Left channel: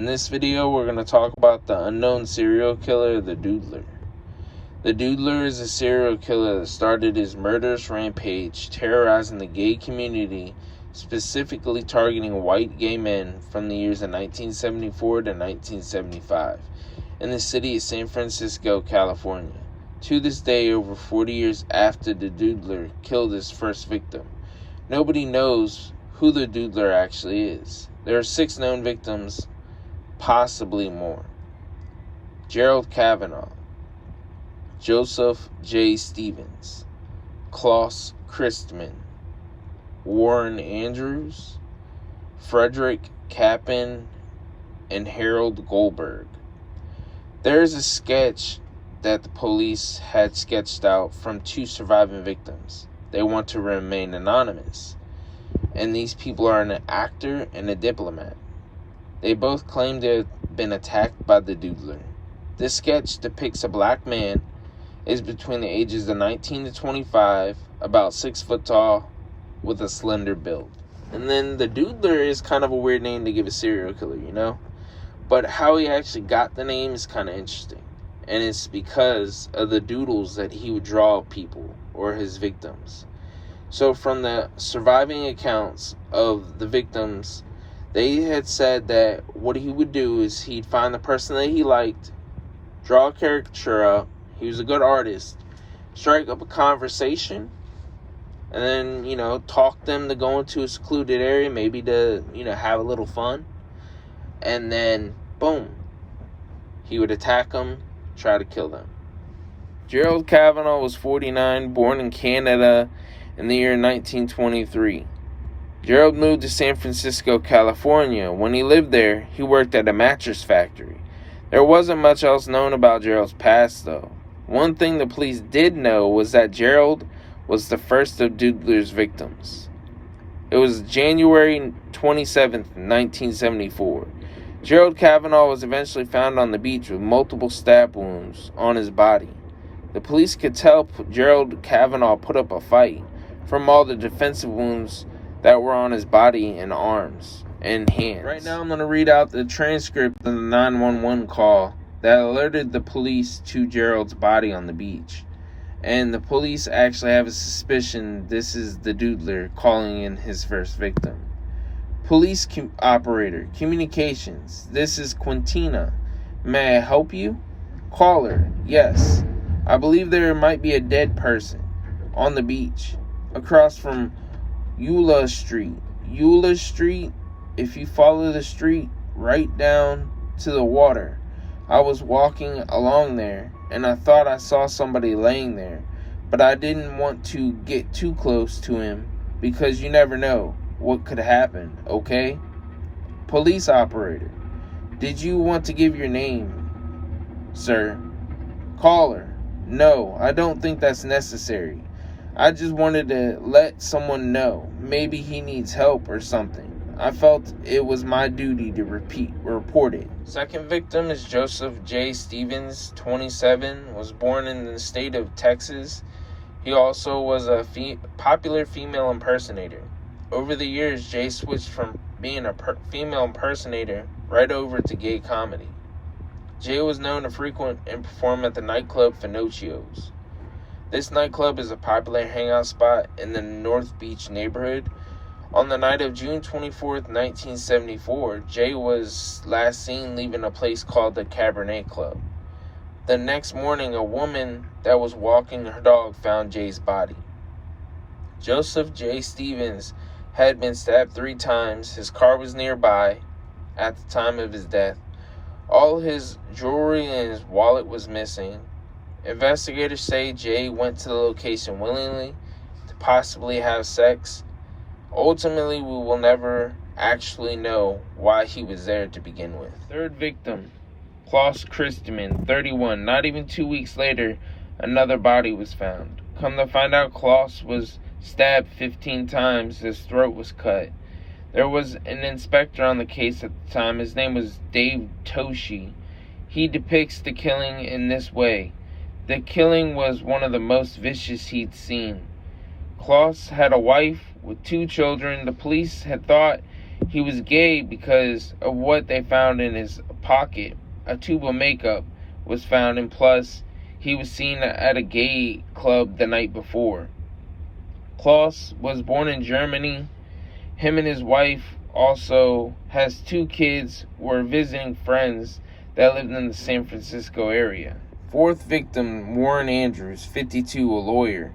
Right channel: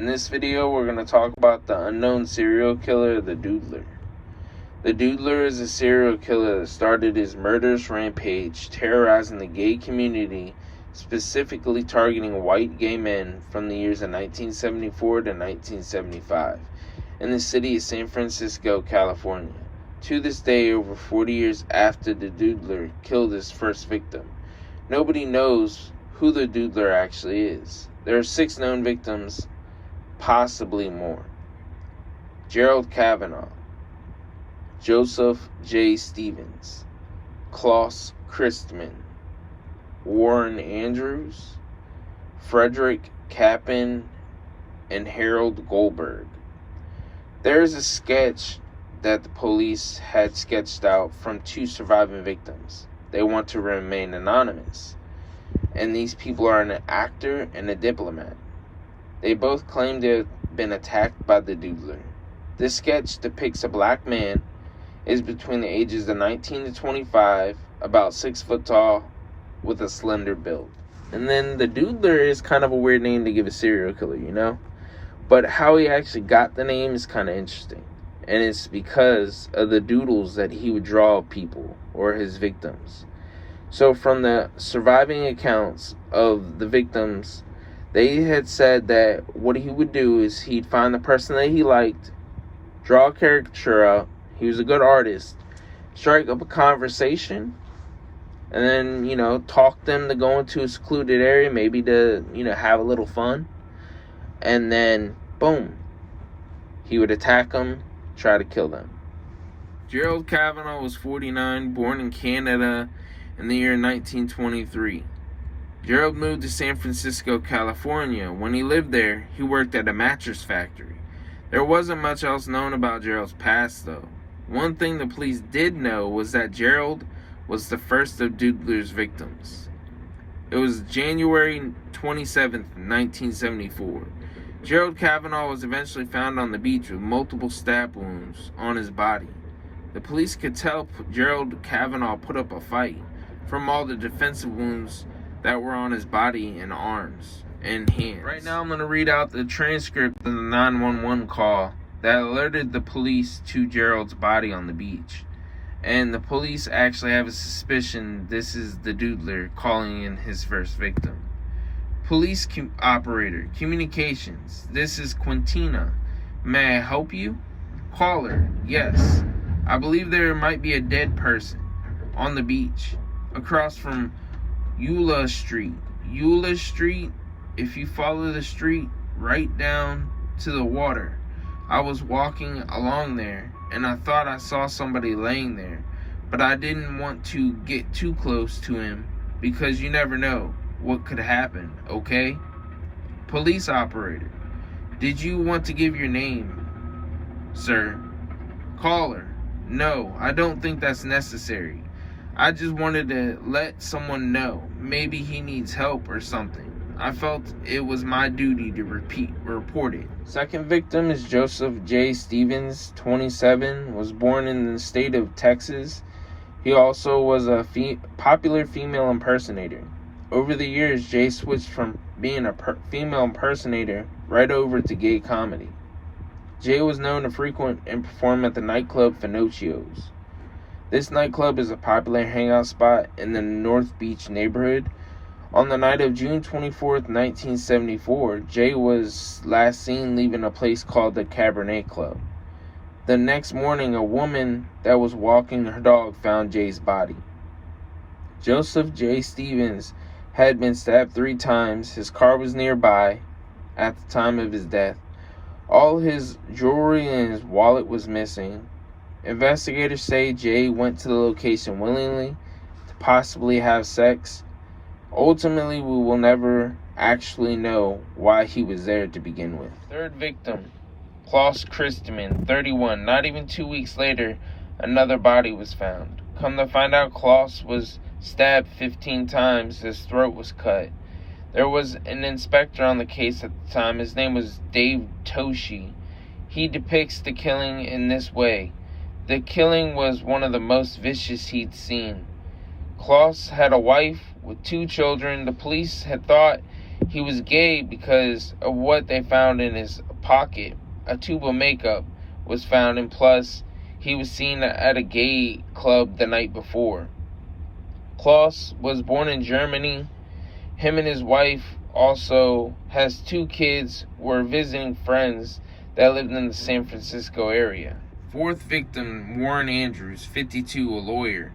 In this video, we're going to talk about the unknown serial killer, the Doodler. The Doodler is a serial killer that started his murderous rampage, terrorizing the gay community, specifically targeting white gay men from the years of 1974 to 1975 in the city of San Francisco, California. To this day, over 40 years after the Doodler killed his first victim, nobody knows who the Doodler actually is. There are 6 known victims, possibly more. Gerald Kavanaugh, Joseph J. Stevens, Klaus Christman, Warren Andrews, Frederick Kappen, and Harold Goldberg. There is a sketch that the police had sketched out from 2 surviving victims. They want to remain anonymous, and these people are an actor and a diplomat. They both claim to have been attacked by the Doodler. This sketch depicts a black man, is between the ages of 19 to 25, about 6 foot tall, with a slender build. And then the Doodler is kind of a weird name to give a serial killer, you know? But how he actually got the name is kind of interesting. And it's because of the doodles that he would draw of people or his victims. So from the surviving accounts of the victims, they had said that what he would do is he'd find the person that he liked, draw a caricature up, he was a good artist, strike up a conversation, and then, talk them to go into a secluded area, maybe to, have a little fun. And then, boom, he would attack them, try to kill them. Gerald Kavanaugh was 49, born in Canada in the year 1923. Gerald moved to San Francisco, California. When he lived there, he worked at a mattress factory. There wasn't much else known about Gerald's past, though. One thing the police did know was that Gerald was the first of Doodler's victims. It was January 27, 1974. Gerald Kavanaugh was eventually found on the beach with multiple stab wounds on his body. The police could tell Gerald Kavanaugh put up a fight from all the defensive wounds that were on his body and arms and hands. Right now I'm going to read out the transcript of the 911 call that alerted the police to Gerald's body on the beach. And the police actually have a suspicion this is the Doodler calling in his first victim. Police operator, communications. This is Quintina. May I help you? Caller, yes. I believe there might be a dead person on the beach across from Eula Street. Eula Street, if you follow the street right down to the water. I was walking along there and I thought I saw somebody laying there, but I didn't want to get too close to him because you never know what could happen, okay? Police operator, did you want to give your name, sir? Caller, no, I don't think that's necessary. I just wanted to let someone know. Maybe he needs help or something. I felt it was my duty to report it. Second victim is Joseph J. Stevens, 27, was born in the state of Texas. He also was a popular female impersonator. Over the years, Jay switched from being a female impersonator right over to gay comedy. Jay was known to frequent and perform at the nightclub Finocchio's. This nightclub is a popular hangout spot in the North Beach neighborhood. On the night of June 24th, 1974, Jay was last seen leaving a place called the Cabernet Club. The next morning, a woman that was walking her dog found Jay's body. Joseph J. Stevens had been stabbed 3 times. His car was nearby at the time of his death. All his jewelry and his wallet was missing. Investigators say Jay went to the location willingly to possibly have sex. Ultimately, we will never actually know why he was there to begin with. Third victim, Klaus Christman, 31. Not even 2 weeks later, another body was found. Come to find out, Klaus was stabbed 15 times. His throat was cut. There was an inspector on the case at the time. His name was Dave Toshi. He depicts the killing in this way. The killing was one of the most vicious he'd seen. Klaus had a wife with 2 children. The police had thought He was gay because of what they found in his pocket. A tube of makeup was found, and plus, he was seen at a gay club the night before. Klaus was born in Germany. Him and his wife also has 2 kids, were visiting friends that lived in the San Francisco area. 4th victim, Warren Andrews, 52, a lawyer,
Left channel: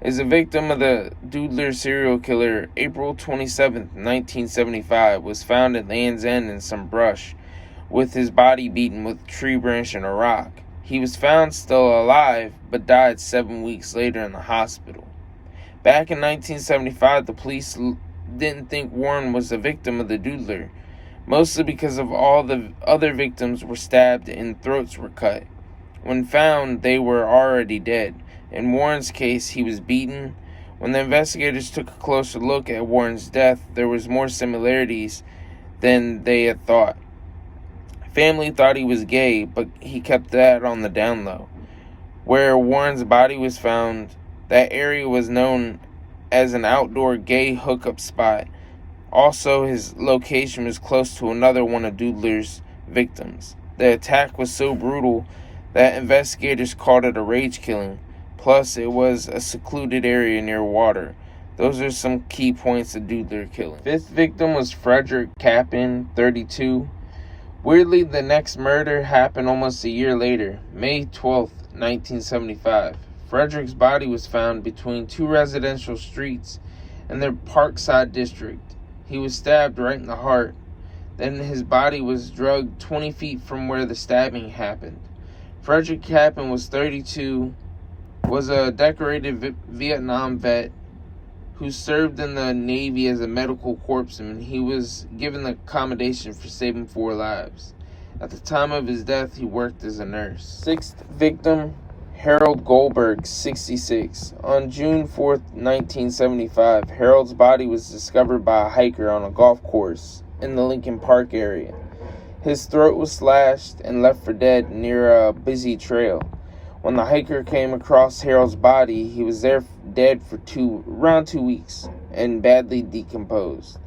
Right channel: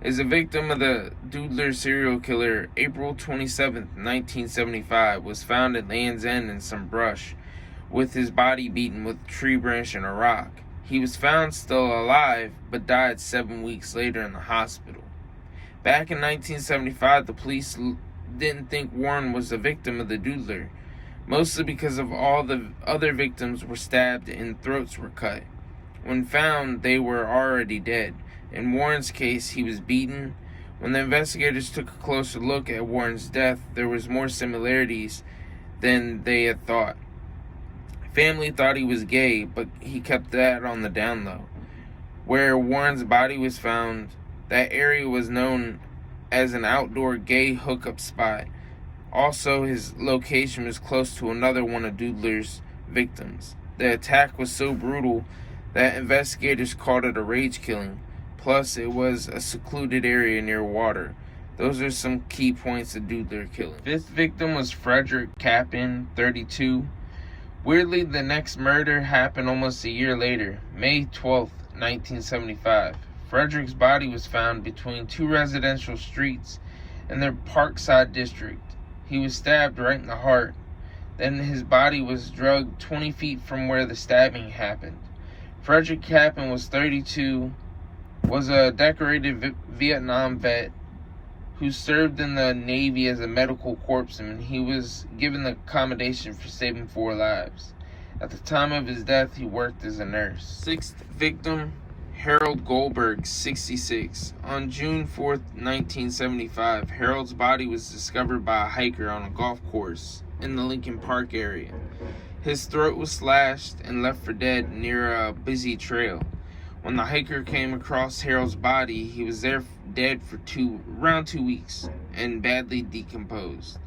is a victim of the Doodler serial killer. April 27, 1975, was found at Land's End in some brush with his body beaten with a tree branch and a rock. He was found still alive, but died 7 weeks later in the hospital. Back in 1975, the police didn't think Warren was a victim of the Doodler, mostly because of all the other victims were stabbed and throats were cut. When found, they were already dead. In Warren's case, he was beaten. When the investigators took a closer look at Warren's death, there was more similarities than they had thought. Family thought he was gay, but he kept that on the down low. Where Warren's body was found, that area was known as an outdoor gay hookup spot. Also, his location was close to another one of Doodler's victims. The attack was so brutal that investigators called it a rage killing. Plus, it was a secluded area near water. Those are some key points of Doodler killing. 5th victim was Frederick Kaplan, 32. Weirdly, the next murder happened almost a year later, May 12, 1975. Frederick's body was found between 2 residential streets in the Parkside district. He was stabbed right in the heart. Then his body was dragged 20 feet from where the stabbing happened. Frederick Kaplan was 32, was a decorated Vietnam vet who served in the Navy as a medical corpsman. He was given the accommodation for saving 4 lives. At the time of his death, he worked as a nurse. 6th victim, Harold Goldberg, 66. On June 4th, 1975, Harold's body was discovered by a hiker on a golf course in the Lincoln Park area. His throat was slashed and left for dead near a busy trail. When the hiker came across Harold's body, he was there dead for around 2 weeks and badly decomposed.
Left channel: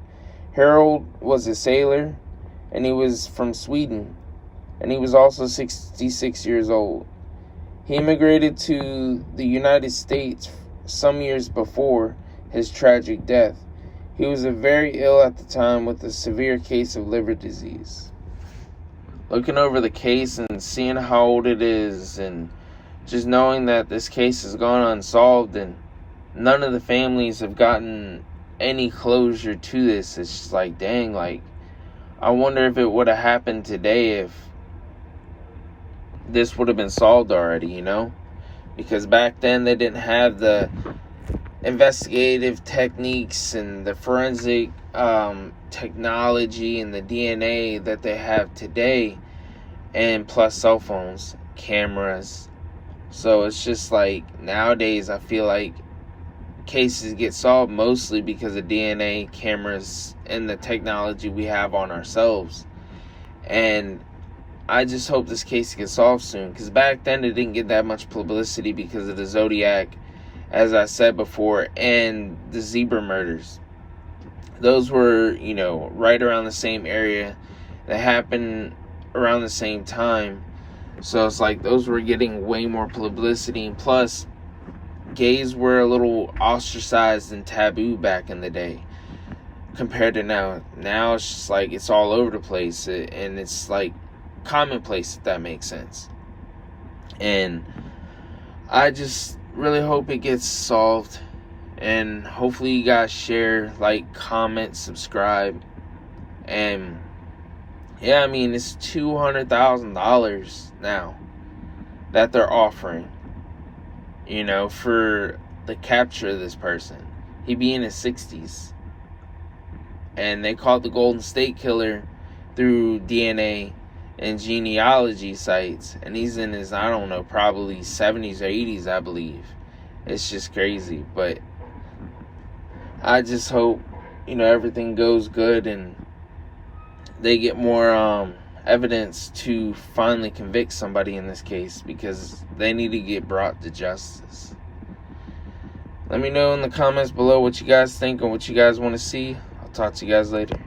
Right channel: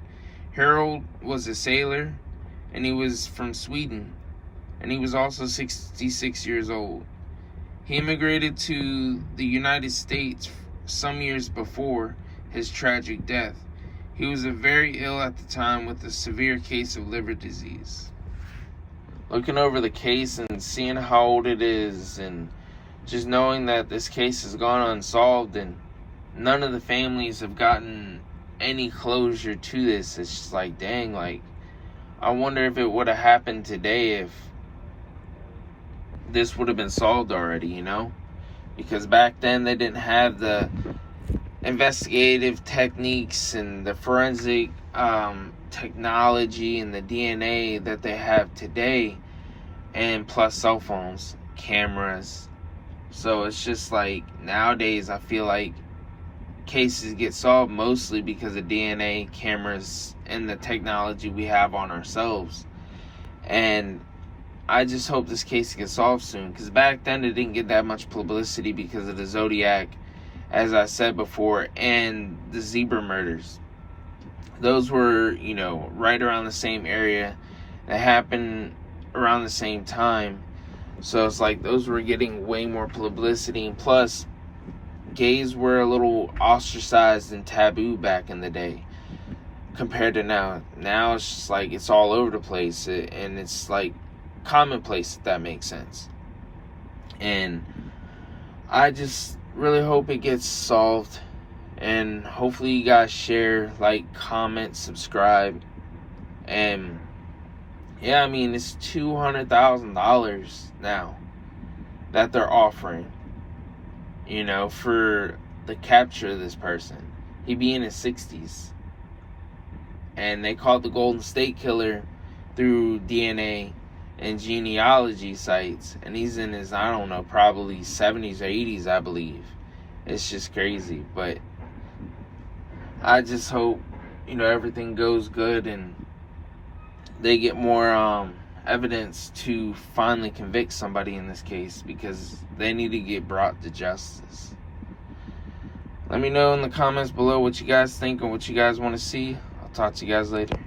Harold was a sailor, and he was from Sweden, and he was also 66 years old. He immigrated to the United States some years before his tragic death. He was very ill at the time with a severe case of liver disease. Looking over the case and seeing how old it is, and just knowing that this case has gone unsolved and none of the families have gotten any closure to this, it's just like, dang, like, I wonder if it would have happened today, if this would have been solved already, you know? Because back then they didn't have the investigative techniques and the forensic technology and the DNA that they have today, and plus cell phones, cameras. So it's just like, nowadays I feel like cases get solved mostly because of DNA, cameras, and the technology we have on ourselves. And I just hope this case gets solved soon, because back then it didn't get that much publicity because of the Zodiac, as I said before, and the zebra murders. Those were, you know, right around the same area. That happened around the same time. So it's like those were getting way more publicity. And plus, gays were a little ostracized and taboo back in the day compared to now. Now it's just like it's all over the place. And it's like commonplace, if that makes sense. And I just really hope it gets solved. And hopefully you guys share, like, comment, subscribe. And yeah, I mean, it's $200,000 now that they're offering, you know, for the capture of this person. He be in his 60s. And they caught the Golden State Killer through DNA and genealogy sites. And he's in his, I don't know, probably 70s or 80s, I believe. It's just crazy. But I just hope, you know, everything goes good and they get more evidence to finally convict somebody in this case, because they need to get brought to justice. Let me know in the comments below what you guys think and what you guys want to see. I'll talk to you guys later.